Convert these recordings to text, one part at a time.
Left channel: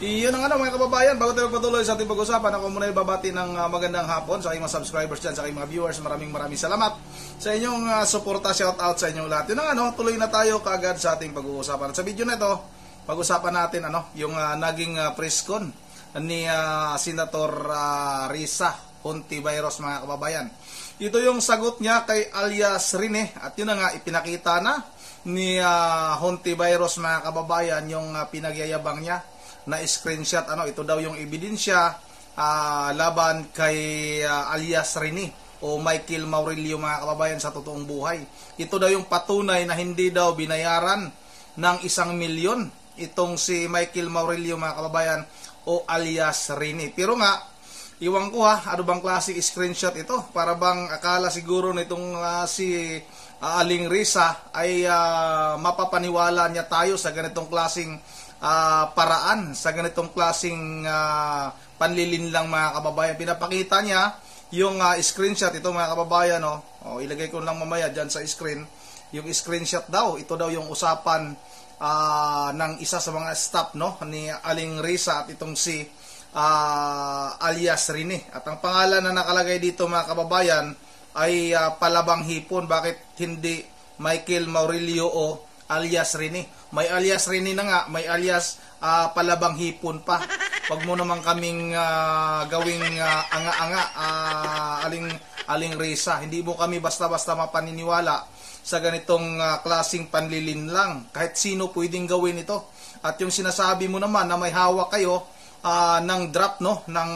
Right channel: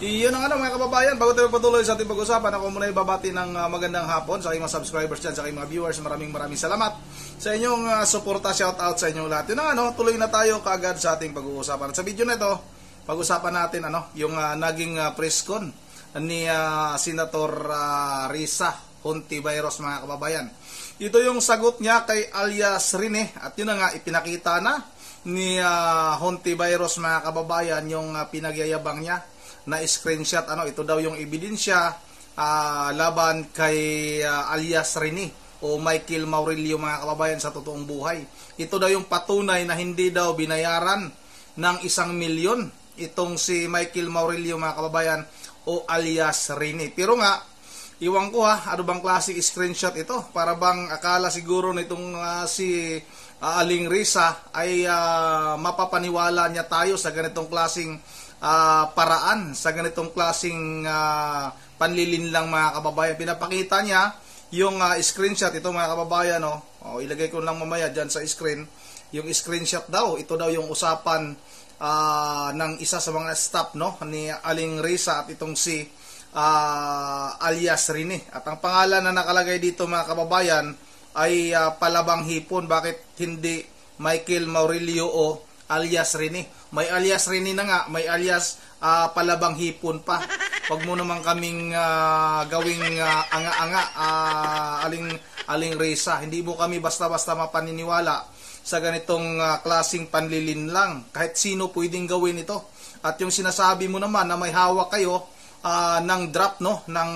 Iyon ang mga kababayan, bago tayo magpatuloy sa ating pag-usapan, ako muna ibabati ng magandang hapon sa aking mga subscribers dyan, sa aking mga viewers. Maraming salamat sa inyong suporta, shout out sa inyong lahat. Yun ang tuloy na tayo kaagad sa ating pag-uusapan. At sa video na ito, pag-usapan natin yung naging press con ni Senator Risa Hontiveros, mga kababayan. Ito yung sagot niya kay alias Rene, at yun nga ipinakita na ni Hontiveros, mga kababayan, yung pinagyayabang niya na screenshot. Ito daw yung ebidensya laban kay alias Rene o Michael Maurilio, mga kababayan, sa totoong buhay. Ito daw yung patunay na hindi daw binayaran ng 1 milyon itong si Michael Maurilio, mga kababayan, o alias Rene. Pero nga, iwan ko ano bang klaseng screenshot ito? Para bang akala siguro nitong si Aling Risa ay mapapaniwala niya tayo sa ganitong klaseng paraan, sa ganitong klaseng panlilinlang, mga kababayan. Pinapakita niya yung screenshot ito, mga kababayan. Ilagay ko lang mamaya dyan sa screen yung screenshot daw. Ito daw yung usapan ng isa sa mga staff ni Aling Risa at itong si alias Rene. At ang pangalan na nakalagay dito, mga kababayan, ay Palabang Hipon. Bakit hindi Michael Maurilio o alias Rene? May alias Rene na nga, may alias Palabang Hipon pa. Huwag mo naman kaming gawing anga-anga, Aling Risa. Hindi mo kami basta-basta mapaniniwala sa ganitong klaseng panlilin lang. Kahit sino pwedeng gawin ito. At yung sinasabi mo naman na may hawak kayo ng draft ng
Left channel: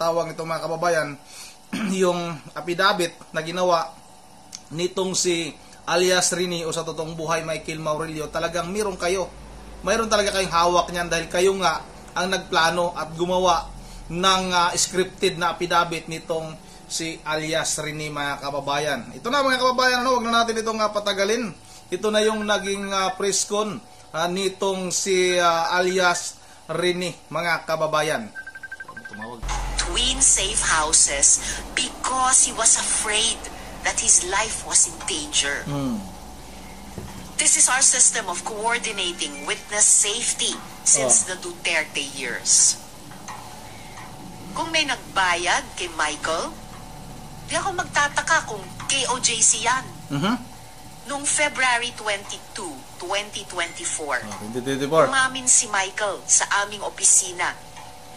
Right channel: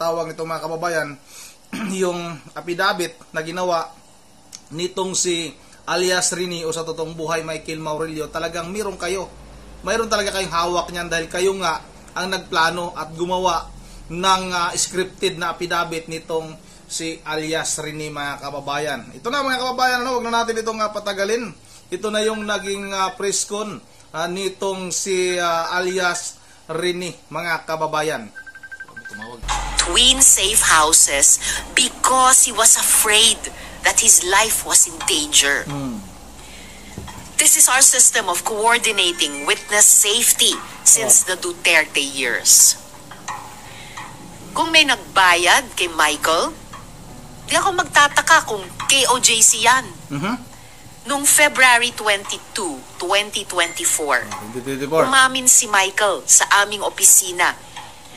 tawag nito, mga kababayan, yung affidavit na ginawa nitong si alias Rene o sa totoong buhay Michael Maurilio, talagang mayroon talaga kayong hawak niyan, dahil kayo nga ang nagplano at gumawa ng scripted na affidavit nitong si alias Rene, mga kababayan. Ito na, mga kababayan, wag na natin itong patagalin. Ito na yung naging press con nitong si alias Rene, mga kababayan. Twin safe houses because he was afraid that his life was in danger. This is our system of coordinating witness safety since the Duterte years. Kung may nagbayad kay Michael, di ako magtataka kung KOJC yan. Noong February 22, 2024, umamin si Michael sa aming opisina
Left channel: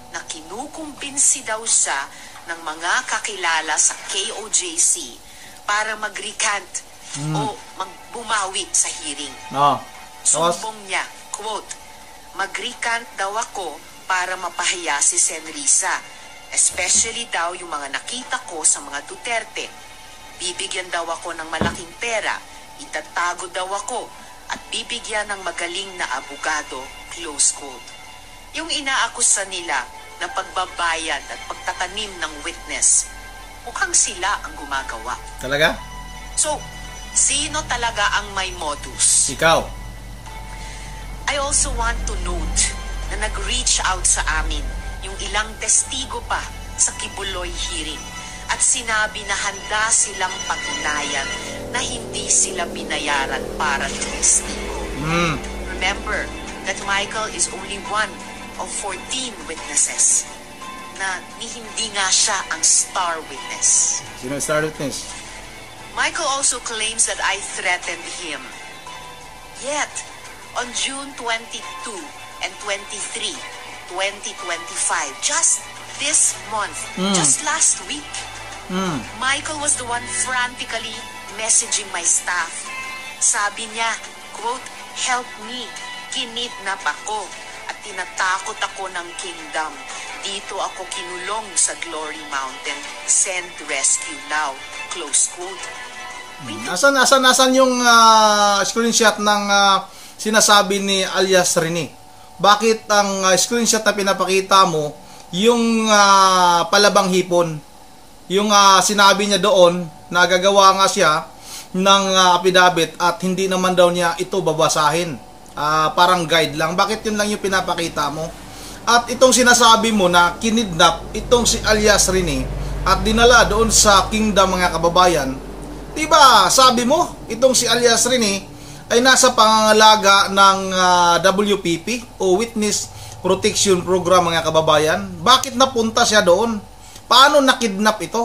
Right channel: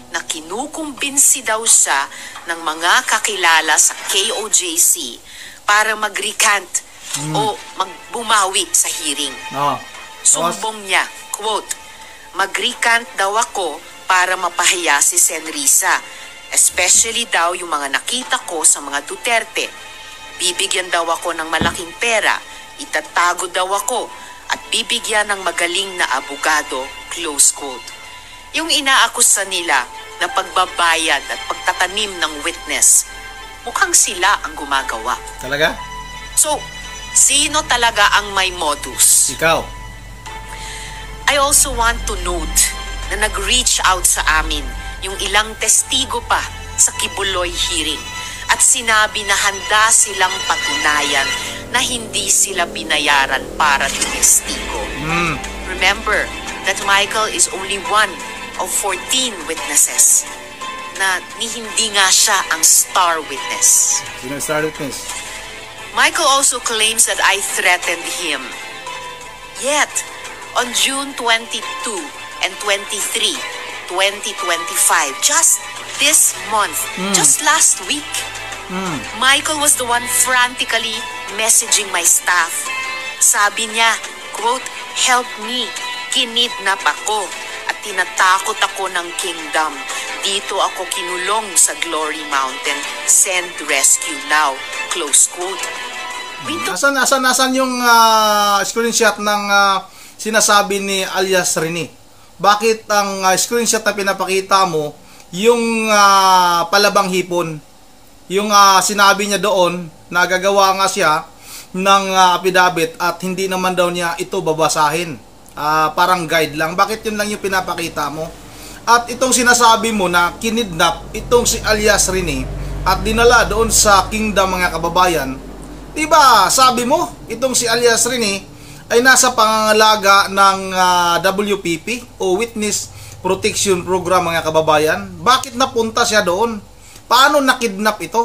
na kinukumbinsi daw siya ng mga kakilala sa KOJC para mag-recant o magbumawi sa hearing. Sumbong niya, quote, "Mag-recant daw ako para mapahiya si Sen Risa, especially daw yung mga nakita ko sa mga Duterte. Bibigyan daw ako ng malaking pera, itatago daw ako, at bibigyan ng magaling na abogado," close quote. Yung inaakusa nila na pagbabayad at pagtatanim ng witness, mukhang sila ang gumagawa. Talaga? So, sino talaga ang may modus? Ikaw. I also want to note na nag-reach out sa amin yung ilang testigo pa sa Kibuloy hearing at sinabi na handa silang patunayan na hindi sila binayaran para tumestigo. Remember that Michael is only one of 14 witnesses na hindi nga siya ang star witness. Sino ang star witness? Michael also claims that I threatened him. Yet, on June 22 and 23, 2025, just this month, just last week, Michael was the one frantically messaging my staff. Sabi niya, quote, "Help me, kinidnap ako at tinatakot ako ng kingdom. Dito ako kinulong sa Glory Mountain. Send rescue now," close quote. Nasaan yung screenshot ng sinasabi ni alias Rene? Bakit ang screenshot na pinapakita mo yung Palabang Hipon? Yung sinabi niya doon na gagawa nga siya ng affidavit at hindi naman daw niya ito babasahin. Parang guide lang. Bakit yun lang yung pinapakita mo? At itong sinasabi mo na kinidnap itong si alias Rene at dinala doon sa kingdom, mga kababayan, diba sabi mo itong si alias Rene ay nasa pangangalaga ng WPP o Witness protection program, mga kababayan. Bakit napunta siya doon? Paano nakidnap ito?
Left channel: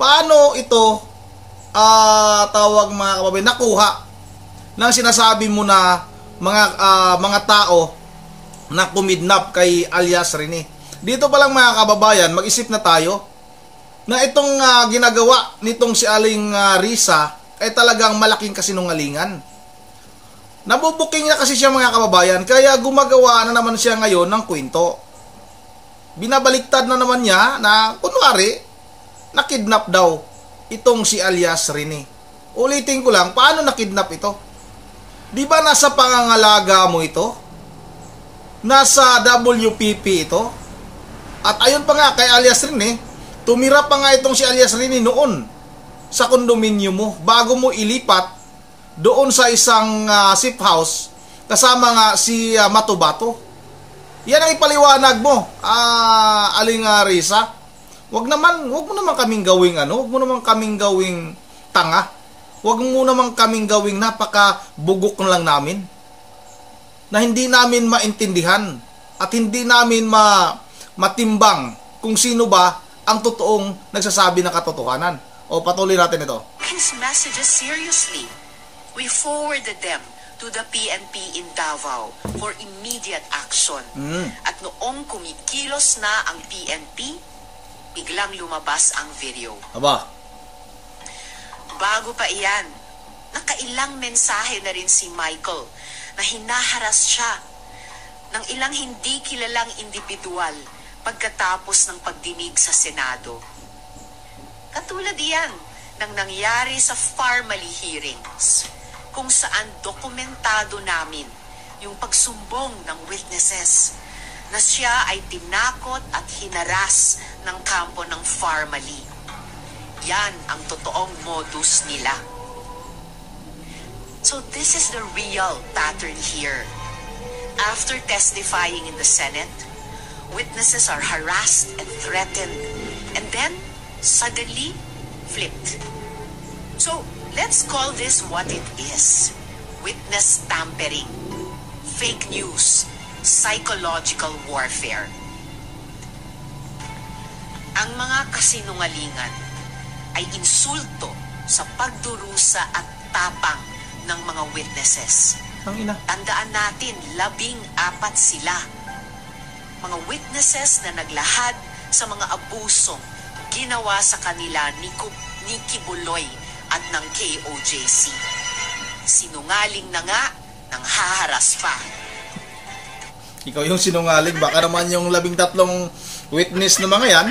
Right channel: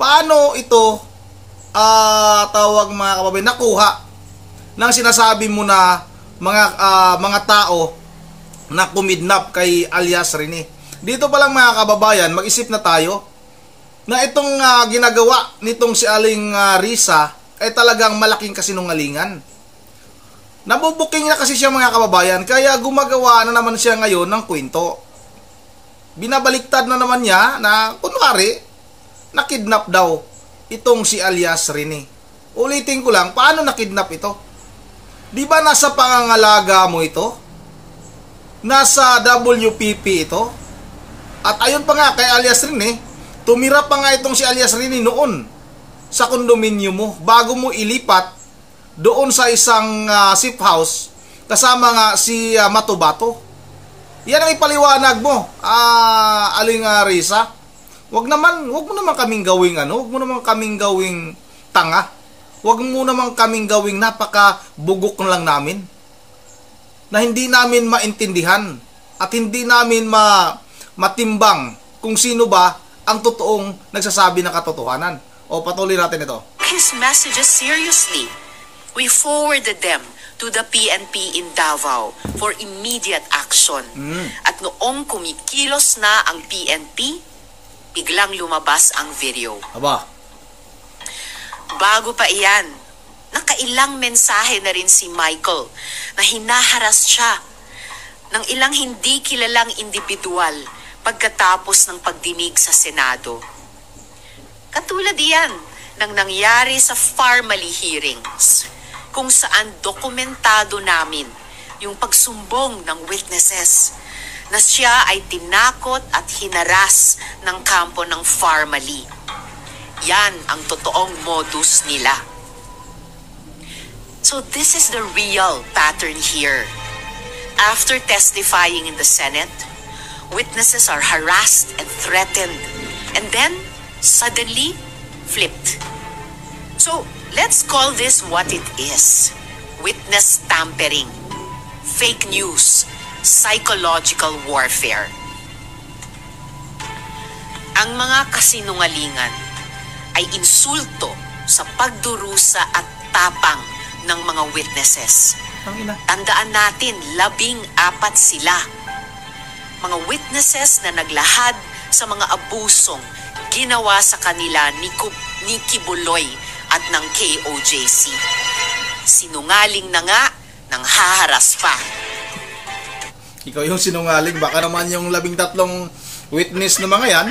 Paano ito tawag, mga kababayan, nakuha ng sinasabi mo na mga tao na kumidnap kay alias Rene? Dito pa lang, mga kababayan, mag-isip na tayo na itong ginagawa nitong si Aling Risa ay talagang malaking kasinungalingan. Nabubuking na kasi siya, mga kababayan, kaya gumagawa na naman siya ngayon ng kwento. Binabaliktad na naman niya na kunwari nakidnap daw itong si alias Rene. Ulitin ko lang, paano nakidnap ito? Di ba nasa pangangalaga mo ito? Nasa WPP ito? At ayun pa nga kay alias Rene, tumira pa nga itong si alias Rene noon sa kondominium mo bago mo ilipat doon sa isang safe house kasama nga si Matubato. Yan ang ipaliwanag mo, Aling Risa. Wag mo naman kaming gawing wag mo naman kaming gawing tanga. Wag mo naman kaming gawing napakabugok na lang namin. Na hindi namin maintindihan at hindi namin matimbang kung sino ba ang totoong nagsasabi ng katotohanan. O patuloy natin ito. His messages seriously. We forwarded them to the PNP in Davao for immediate action. At noong kumikilos na ang PNP, biglang lumabas ang video. Aba. Bago pa iyan, nakailang mensahe na rin si Michael na hinaharas siya ng ilang hindi kilalang individual pagkatapos ng pagdinig sa Senado. Katulad iyan ng nangyari sa Farmally hearings, kung saan dokumentado namin yung pagsumbong ng witnesses na siya ay tinakot at hinaras ng kampo ng Farmally. Yan ang totoong modus nila. So this is the real pattern here. After testifying in the Senate, witnesses are harassed and threatened, and then suddenly flipped. So let's call this what it is: witness tampering, fake news, psychological warfare. Ang mga kasinungalingan ay insulto sa pagdurusa at tapang ng mga witnesses. Tandaan natin, 14 sila. Mga witnesses na naglahad sa mga abusong ginawa sa kanila ni Kibuloy at ng KOJC. Sinungaling na nga, nang haharas pa. Ikaw yung sinungaling, baka naman yung 13 witness na mga yan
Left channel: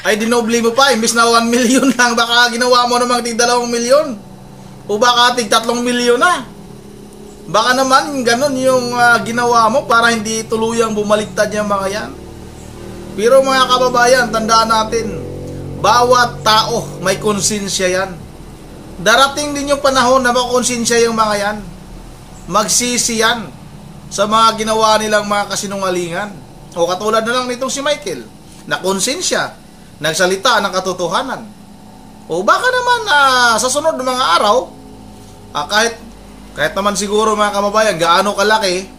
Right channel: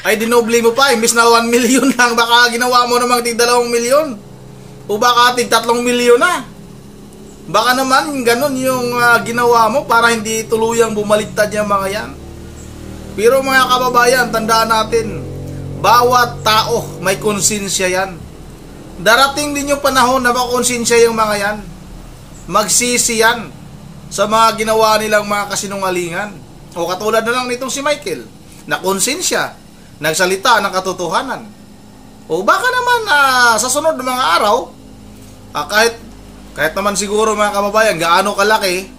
ay dinoble mo pa, imbis na 1 million lang, baka ginawa mo namang tig 2 million o baka tig 3 million na. Baka naman ganun yung ginawa mo para hindi tuluyang bumaliktad yung mga yan. Pero mga kababayan, tandaan natin, bawat tao may konsensya yan. Darating din yung panahon na makonsensya yung mga yan. Magsisi yan sa mga ginawa nilang mga kasinungalingan. O katulad na lang nitong si Michael, na konsensya, nagsalita ng katotohanan. O baka naman sa sunod ng mga araw, kahit naman siguro, mga kababayan, gaano kalaki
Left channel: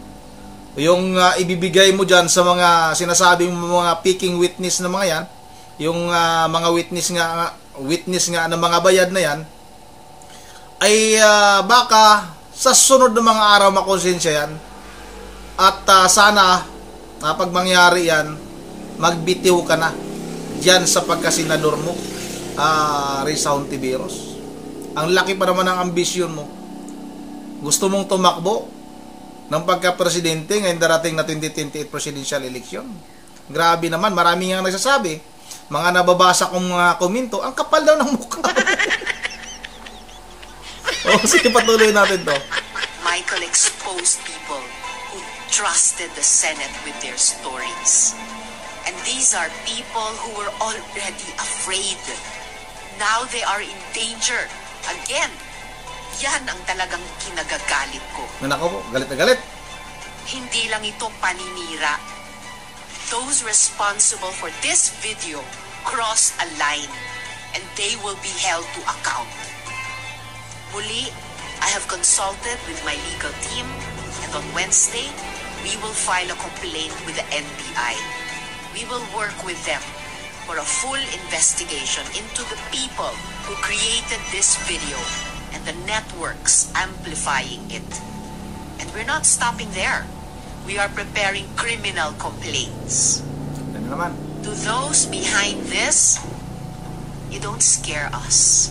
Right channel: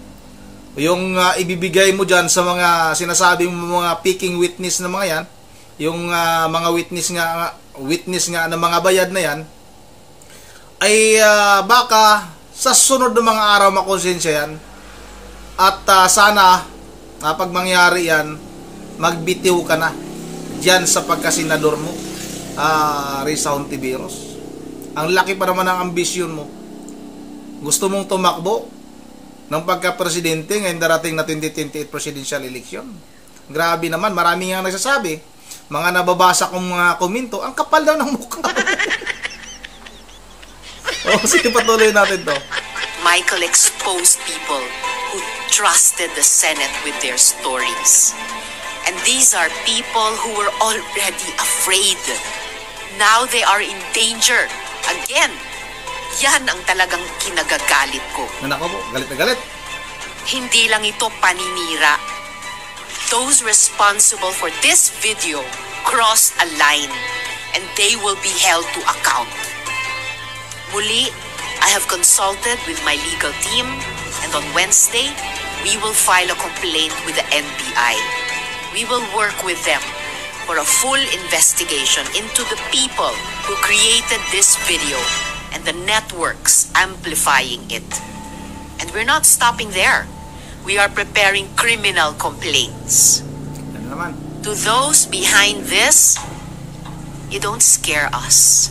yung ibibigay mo dyan sa mga sinasabing mga picking witness na mga yan, yung mga witness nga ng mga bayad na yan, ay baka sa sunod ng mga araw makonsensya yan. At sana pag mangyari yan, magbitiw ka na dyan sa pagkasenador mo, Risa Hontiveros. Ang laki pa naman ng ambisyon mo. Gusto mong tumakbo ng pagka-presidente ngayong darating na 2028 presidential election. Grabe naman, marami nga nagsasabi, mga nababasa kong mga komento, ang kapal daw ng mukha. Sige, patuloy natin to. Michael exposed people who trusted the Senate with their stories. And these are people who were already afraid. Now they are in danger. Again, yan ang talagang kinagagalit ko. Nanako po, galit na galit. Hindi lang ito paninira. Those responsible for this video crossed a line and they will be held to account. Muli, I have consulted with my legal team and on Wednesday, we will file a complaint with the NBI. We will work with them for a full investigation into the people who created this video and the networks amplifying it. And we're not stopping there. We are preparing criminal complaints. Ano naman? To those behind this, you don't scare us.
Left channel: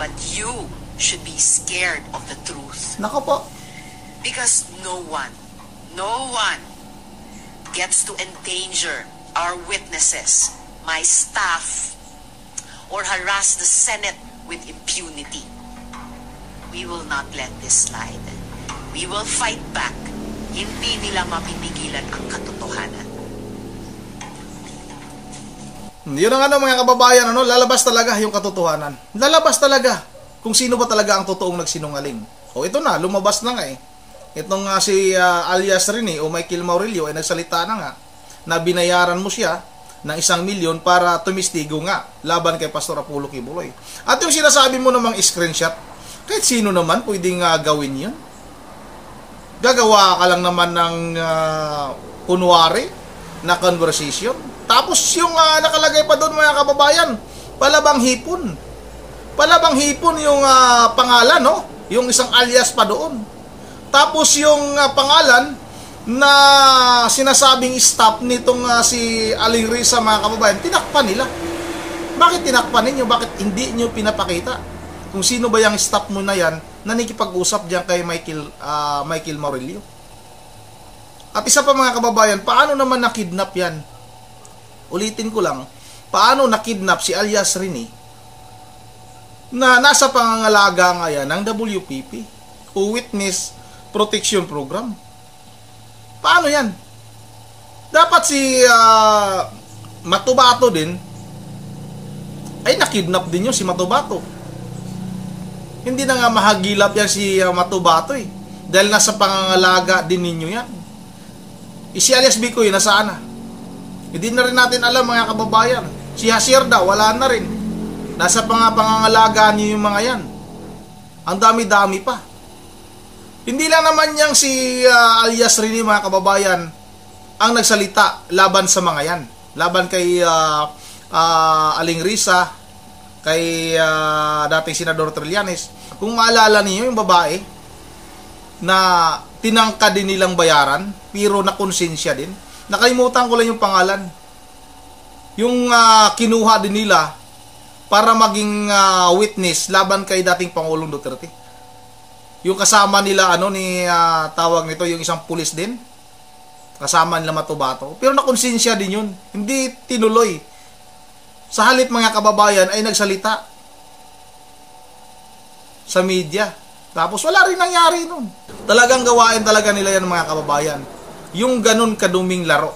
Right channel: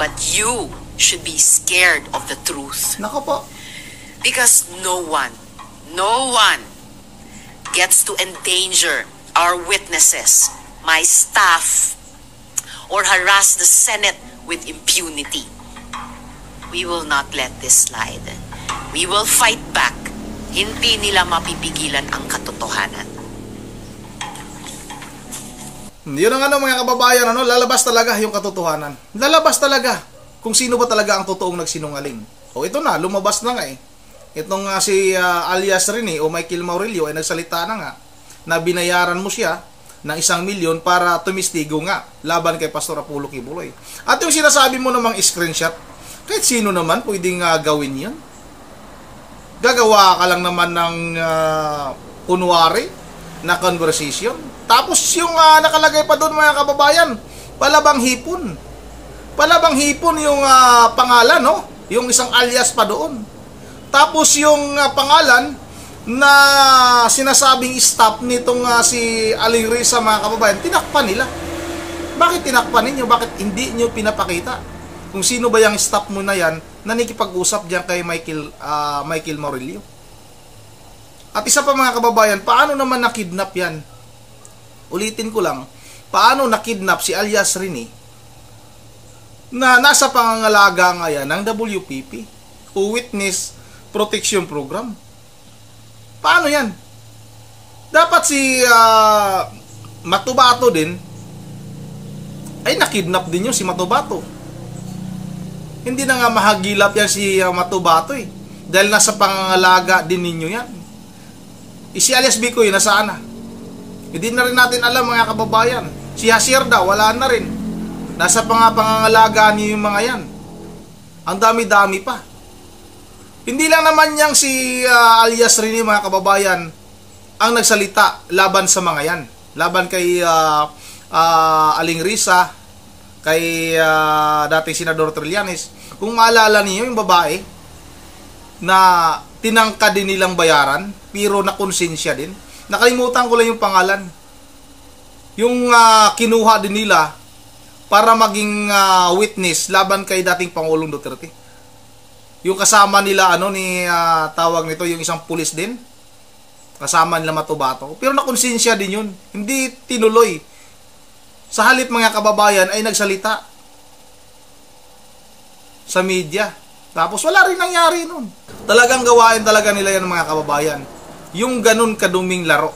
But you should be scared of the truth. Nako po. Because no one gets to endanger our witnesses, my staff, or harass the Senate with impunity. We will not let this slide. We will fight back. Hindi nila mapipigilan ang katotohanan. Yun ang mga kababayan, lalabas talaga yung katotohanan. Lalabas talaga kung sino ba talaga ang totoong nagsinungaling. O ito na, lumabas na nga eh. Itong si alias Rene o Michael Maurilio ay nagsalita na nga na binayaran mo siya ng 1 milyon para tumistigo nga laban kay Pastor Apollo Kibuloy. At yung sinasabi mo namang screenshot, kahit sino naman pwedeng gawin yun. Gagawa ka lang naman ng kunwari na conversation. Tapos yung nakalagay pa doon mga kababayan, palabang hipon. Palabang hipon yung pangalan, no? Yung isang alias pa doon. Tapos yung pangalan na sinasabing stop nitong si Aling Risa mga kababayan, tinakpan nila. Bakit tinakpan ninyo? Bakit hindi nyo pinapakita kung sino ba yung stop mo na yan na nakikipag-usap dyan kay Michael Maurilio? At isa pa mga kababayan, paano naman nakidnap yan? Ulitin ko lang, paano nakidnap si alias Rene na nasa pangangalaga nga yan ng WPP o Witness Protection Program? Paano yan? Dapat si Matubato din ay nakidnap din yun si Matubato. Hindi na nga mahagilap yan si Matubato eh, dahil nasa pangangalaga din ninyo yan. Si alias Bikoy nasaan na? Hindi na rin natin alam mga kababayan. Si Hasirda wala na rin. Nasa pangangalaga niyo yung mga yan. Ang dami-dami pa. Hindi lang naman yang si alias Rene mga kababayan ang nagsalita laban sa mga yan. Laban kay Aling Risa, kay dating Senador Trillanes. Kung maalala niyo yung babae na tinangka din nilang bayaran pero nakonsensya din. Nakalimutan ko lang yung pangalan. Yung kinuha din nila para maging witness laban kay dating Pangulong Duterte. Yung kasama nila ni tawag nito yung isang pulis din. Kasama nila Matubato. Pero nakonsensya din yun. Hindi tinuloy. Sa halip mga kababayan ay nagsalita sa media. Tapos wala rin nangyari nun. Talagang gawain talaga nila yan mga kababayan. Yung ganun kaduming laro.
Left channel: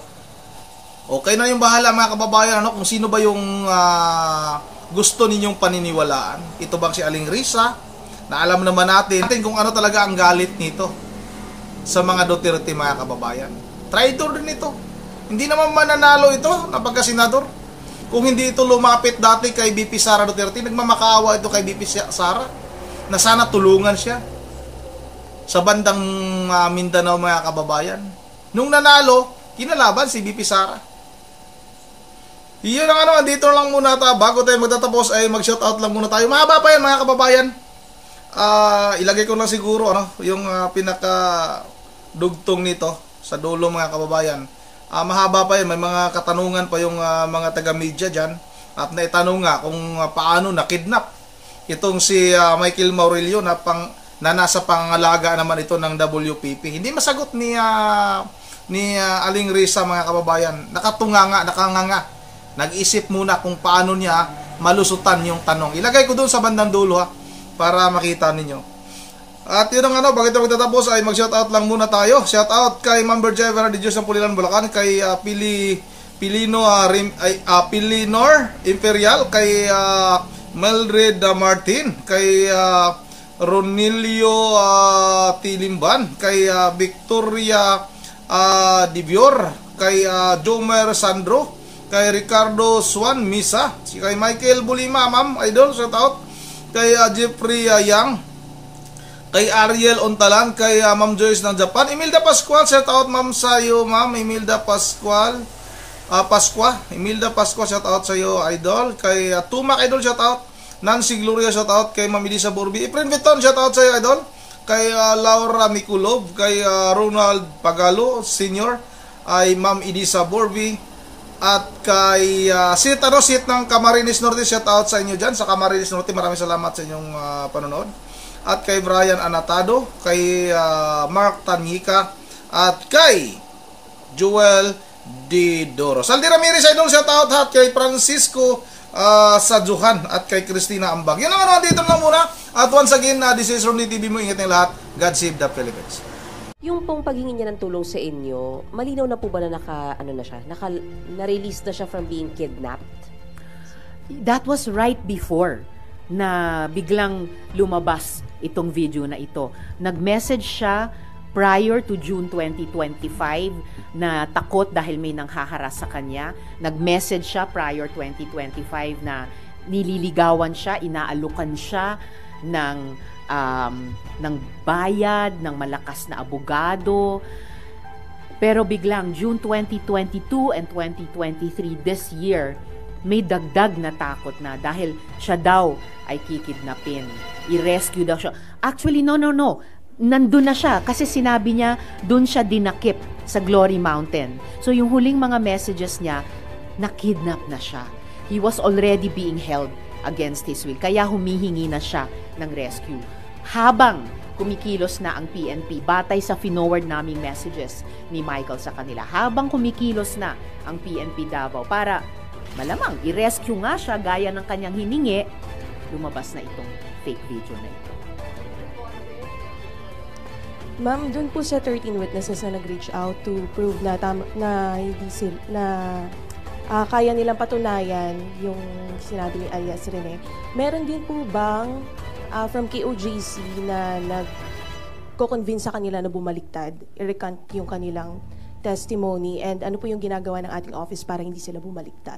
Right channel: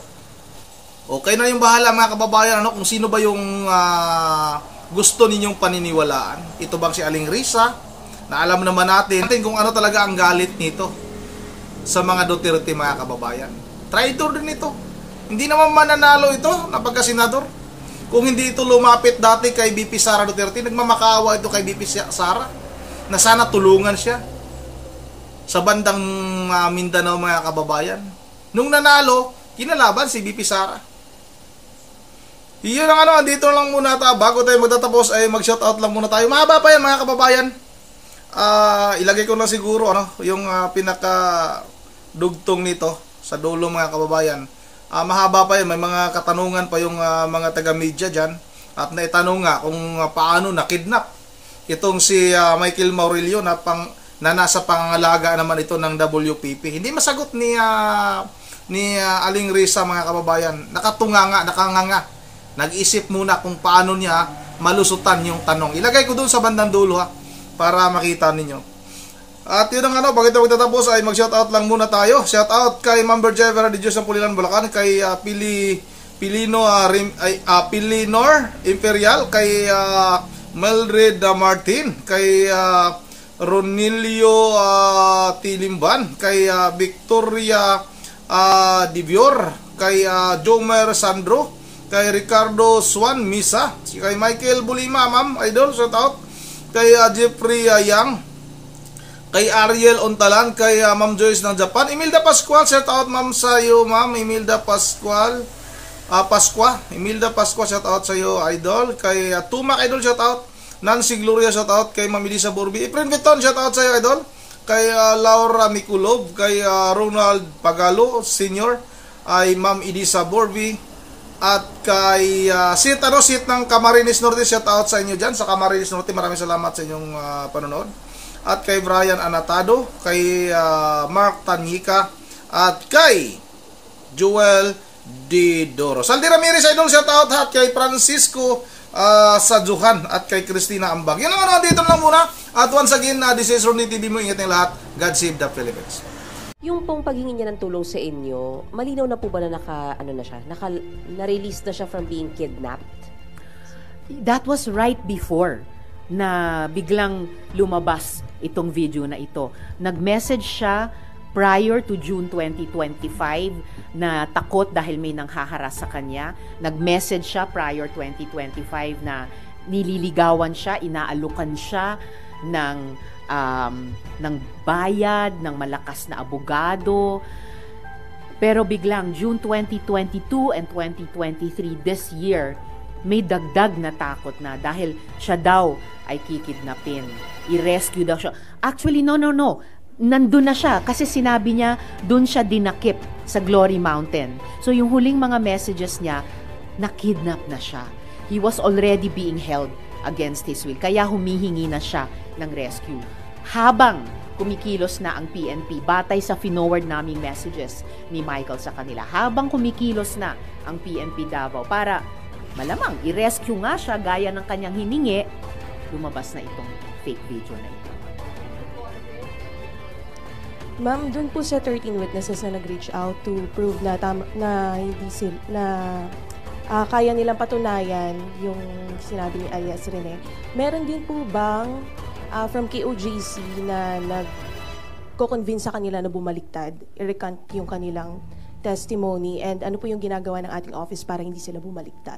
Okay na yung bahala mga kababayan kung sino ba yung gusto ninyong paniniwalaan. Ito bang si Aling Risa? Na alam naman natin kung ano talaga ang galit nito sa mga Duterte mga kababayan. Traitor din ito. Hindi naman mananalo ito na pagka-senador. Kung hindi ito lumapit dati kay BP Sara Duterte, nagmamakaawa ito kay BP Sara na sana tulungan siya sa bandang Mindanao mga kababayan. Nung nanalo, kinalaban si BP Sara. Iyon ang andito lang muna tayo. Bago tayo magtatapos ay mag-shoutout lang muna tayo. Mahaba pa yan mga kababayan. Ilagay ko lang siguro yung pinaka dugtong nito sa dulo mga kababayan. Mahaba pa yan, may mga katanungan pa yung mga taga-media dyan at naitanong nga kung paano nakidnap itong si Michael Maurilio na nasa pangangalaga naman ito ng WPP. Hindi masagot ni Aling Risa mga kababayan. Nakanganga. Nag-isip muna kung paano niya malusutan yung tanong. Ilagay ko doon sa bandang dulo para makita ninyo. At yun ang bago ito magtatapos ay mag-shoutout lang muna tayo. Shoutout kay Ma'am Berjevera de Diyos ng Pulilan, Bulacan, kay Pilinor Imperial, kay Mildred Martin, kay Ronilio Tilimban, kay Victoria Dibior, kay Jomer Sandro, kay Ricardo Swan Misa, kay Michael Bulima, Ma'am Idol, shoutout, kay Jeffrey Yang, kay Ariel Ontalan, kay Ma'am Joyce ng Japan, Imelda Pascual, shout out ma'am sa iyo, ma'am Imelda Pascual, Imelda Pascual, shout out sa iyo, idol, kay Tumac idol, shout out, Nancy Gloria, shout out, kay Ma'am Elisa Borbi, Efren Viton, shout out sa iyo, idol, kay Laura Mikulov, kay Ronald Pagalo Senior, ay Ma'am Elisa Borbi, at kay Sit ng Camarines Norte, shout out sa inyo dyan sa Camarines Norte, maraming salamat sa inyong panonood. At kay Brian Anatado, kay Mark Tanyika, at kay Joel Didoro. Saldi Ramirez idol, shout out, at kay Francisco Sajuhan, at kay Christina Ambag. Yun ang dito lang muna. At once again, this is Romney TV mo, ingat ng lahat. God save the Philippines. Yung pong paghingi niya ng tulong sa inyo, malinaw na po ba na na-release na siya from being kidnapped? That was right before na biglang lumabas itong video na ito. Nag-message siya prior to June 2025 na takot dahil may nanghaharas sa kanya. Nag-message siya prior 2025 na nililigawan siya, inaalukan siya ng bayad, ng malakas na abogado. Pero biglang June 2022 and 2023 this year, may dagdag na takot na dahil siya daw ay kikidnapin. I-rescue daw siya. Actually, no. Nandun na siya kasi sinabi niya dun siya dinakip sa Glory Mountain. So yung huling mga messages niya, nakidnap na siya. He was already being held against his will. Kaya humihingi na siya ng rescue. Habang kumikilos na ang PNP, batay sa finoward naming messages ni Michael sa kanila, habang kumikilos na ang PNP Davao para malamang i-rescue nga siya gaya ng kanyang hiningi, lumabas na itong fake video na ito. Ma'am, dun po sa 13 witnesses na nag-reach out to prove na hindi kaya nilang patunayan yung sinabi ni alias Rene. Meron din po bang from KOJC na nagko-convince sa kanila na bumaliktad, i-recant yung kanilang testimony, and ano po yung ginagawa ng ating office para hindi sila bumaliktad?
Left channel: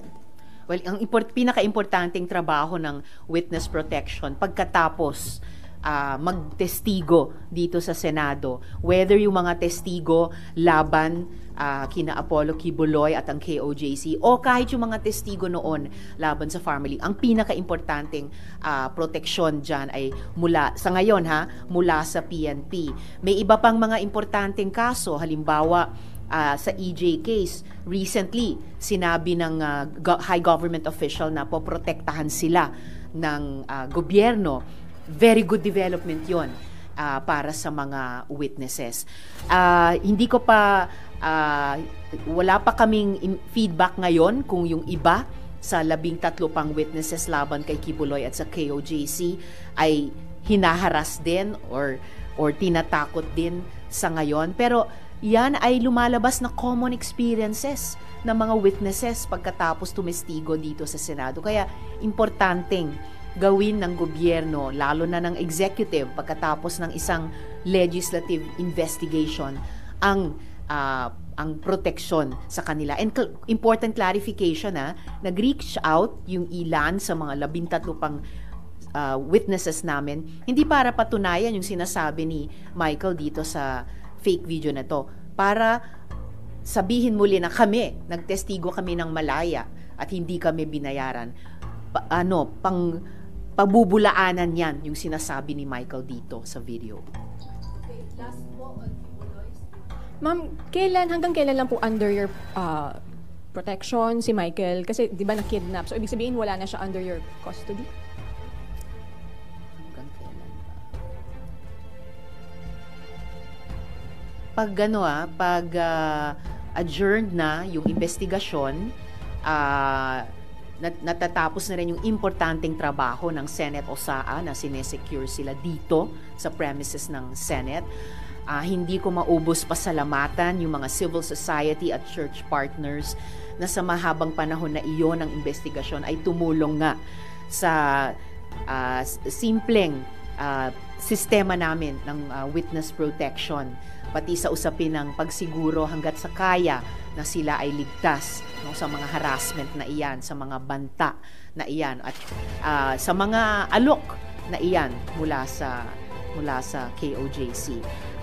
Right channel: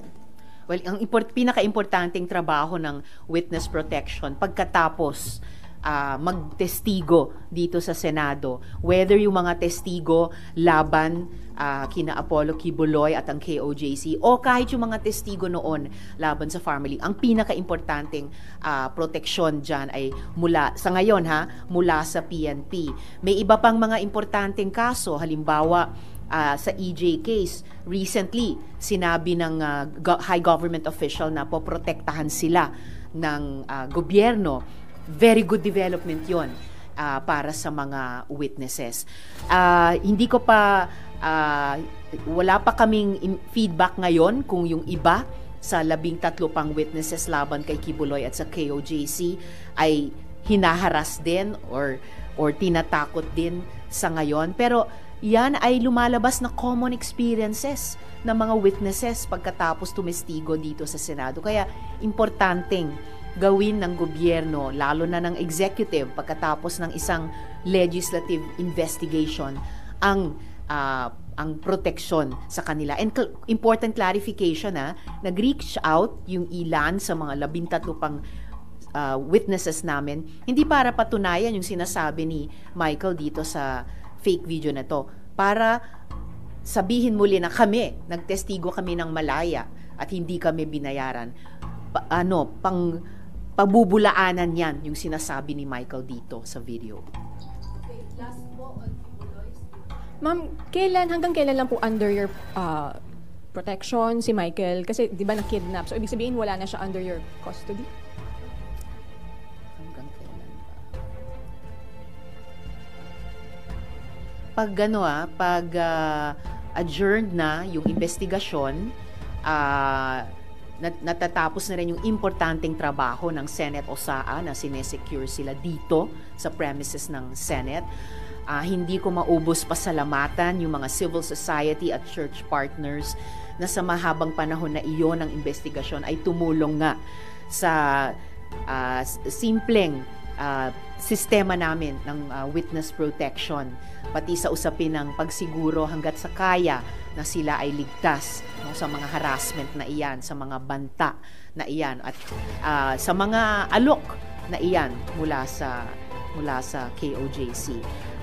Well, ang pinaka-importanting trabaho ng witness protection pagkatapos magtestigo dito sa Senado, whether yung mga testigo laban kina Apollo Kibuloy at ang KOJC o kahit yung mga testigo noon laban sa family, ang pinaka-importanting proteksyon dyan ay mula sa PNP. May iba pang mga importanteng kaso, halimbawa sa EJ case, recently sinabi ng high government official na poprotektahan sila ng gobyerno. Very good development yon para sa mga witnesses. Hindi ko pa wala pa kaming feedback ngayon kung yung iba sa 13 pang witnesses laban kay Kibuloy at sa KOJC ay hinaharas din or tinatakot din sa ngayon. Pero yan ay lumalabas na common experiences ng mga witnesses pagkatapos tumestigo dito sa Senado. Kaya importanteng gawin ng gobyerno, lalo na ng executive, pagkatapos ng isang legislative investigation, ang proteksyon sa kanila. And important clarification, nag-reach out yung ilan sa mga 13 pang witnesses namin, hindi para patunayan yung sinasabi ni Michael dito sa fake video na to, para sabihin muli na nagtestigo kami ng malaya at hindi kami binayaran. Pabubulaanan yan yung sinasabi ni Michael dito sa video. Okay, last po on Kibuloy. Ma'am, hanggang kailan lang po under your protection si Michael? Kasi di ba na-kidnap? So ibig sabihin wala na siya under your custody? Hanggang kailan ba? Pag adjourned na yung investigasyon, natatapos na rin yung importanteng trabaho ng Senate OSAA na sinesecure sila dito sa premises ng Senate. Hindi ko maubos pasalamatan yung mga civil society at church partners na sa mahabang panahon na iyon ng investigasyon ay tumulong nga sa simpleng sistema namin ng witness protection, pati sa usapin ng pagsiguro hanggat sa kaya na sila ay ligtas sa mga harassment na iyan, sa mga banta na iyan, at sa mga alok na iyan mula sa mula sa KOJC.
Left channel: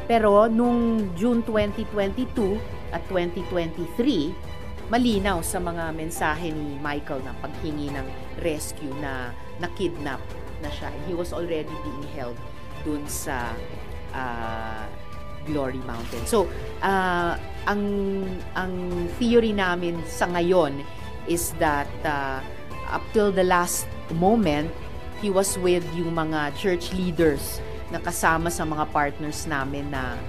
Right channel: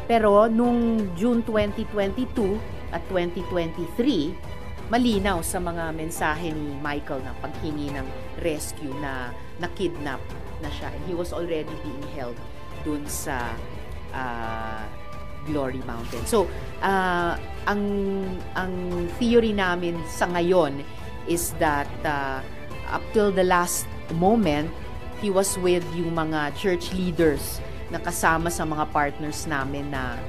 Pero nung June 2022 at 2023, malinaw sa mga mensahe ni Michael na paghingi ng rescue na nakidnap na siya. And he was already being held dun sa Glory Mountain. So, ang theory namin sa ngayon is that up till the last moment, he was with yung mga church leaders na kasama sa mga partners namin na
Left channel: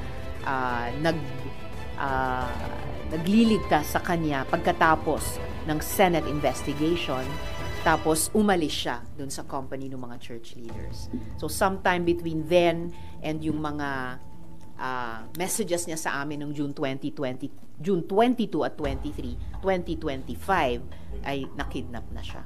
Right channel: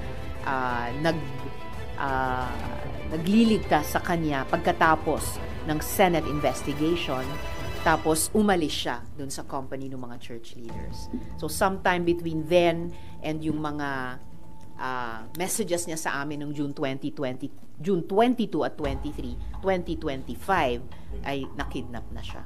nagliligtas sa kanya pagkatapos ng Senate investigation. Tapos umalis siya dun sa company ng mga church leaders. So sometime between then and yung mga messages niya sa amin noong June 22 at 23, 2025 ay nakidnap na siya.